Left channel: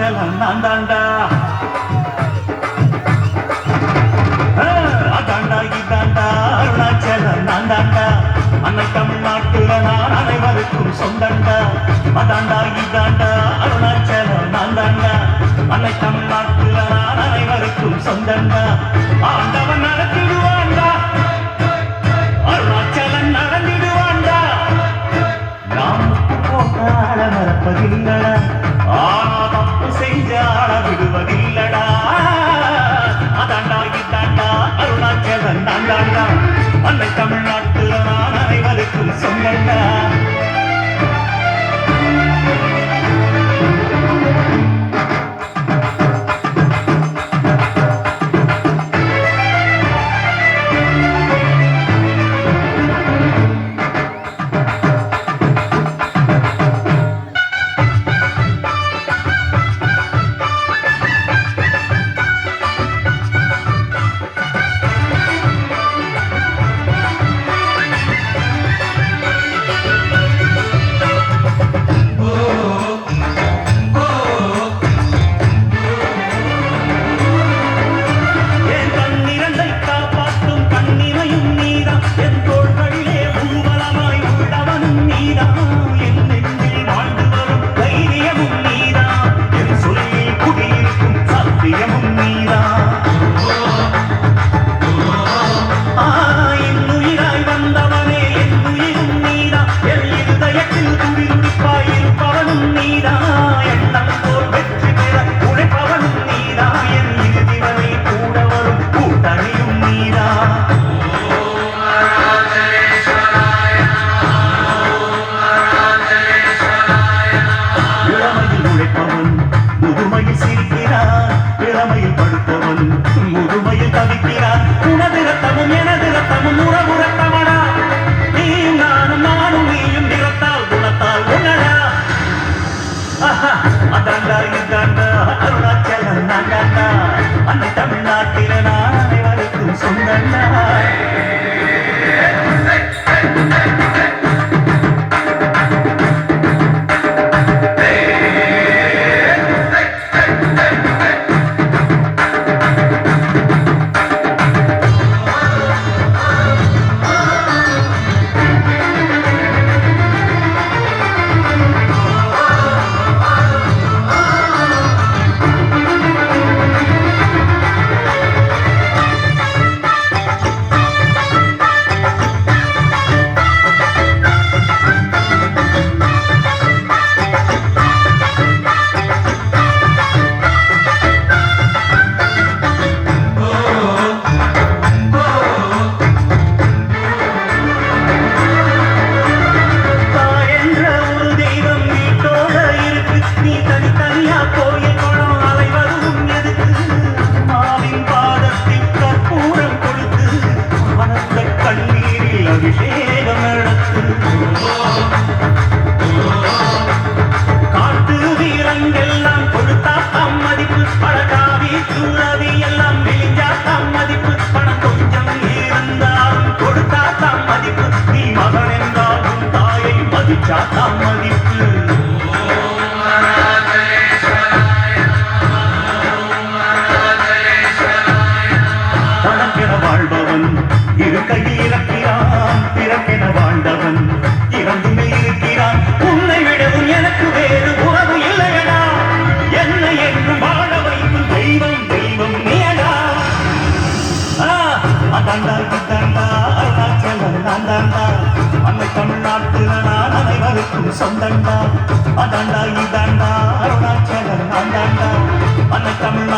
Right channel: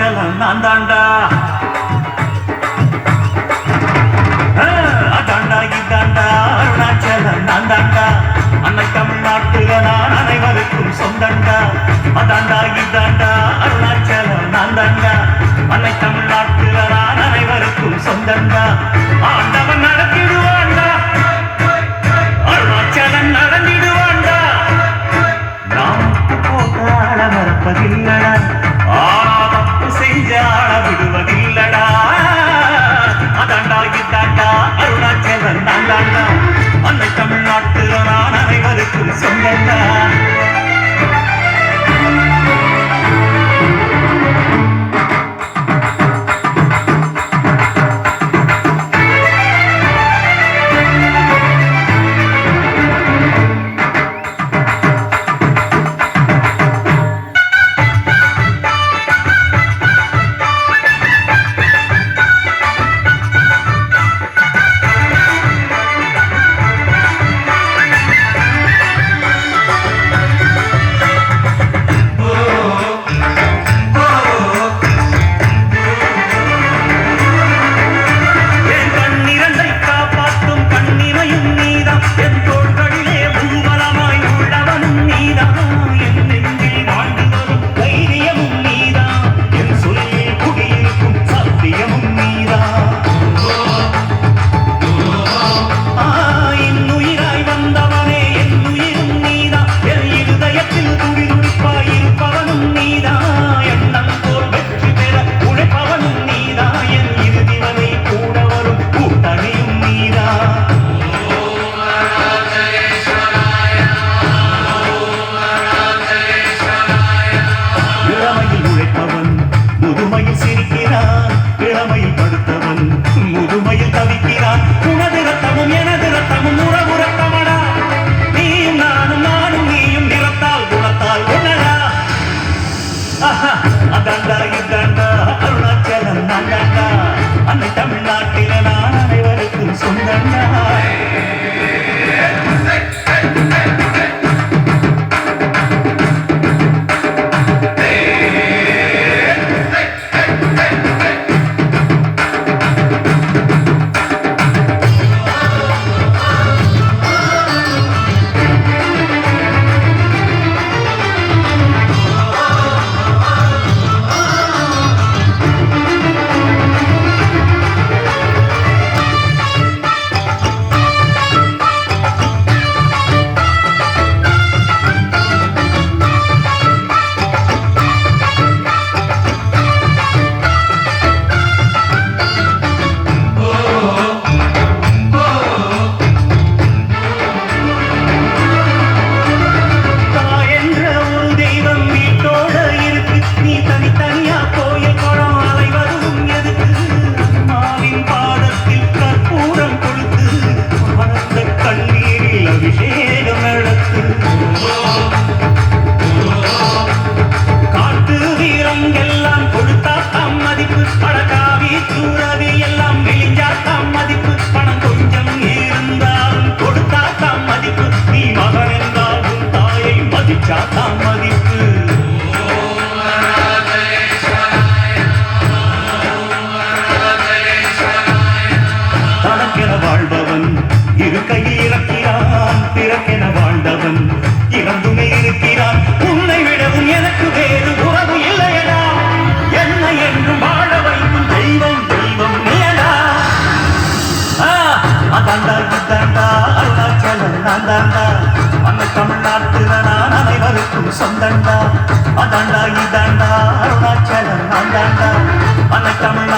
அச்சலம் தான் தாண்டா அதாண்டா இதாண்டா அருணாச்சலம் நான் தாண்டா அன்னை தமிழ்நாட்டுல நான் அனைவருக்கும் சொந்தண்டா. அதாண்டா இதாண்டா அருணாச்சலம் நான் தாண்டா அன்னை தமிழ்நாட்டுல ஆண்டவன் நடத்திடுவான். Bogotá. பழக்காவி தூரவி எல்லாம் விழிஞ்சா தான் மதிப்பு பணம் கொஞ்சம் இருந்தாலும் கொடுத்தா தான் மதிப்பு. நீ மகன் என்றாலும் தாயை மதிச்சா அந்தாண்டா அதாண்டா இதாண்டா அருணாச்சலம் அந்தாண்டா அனத்தமிழ்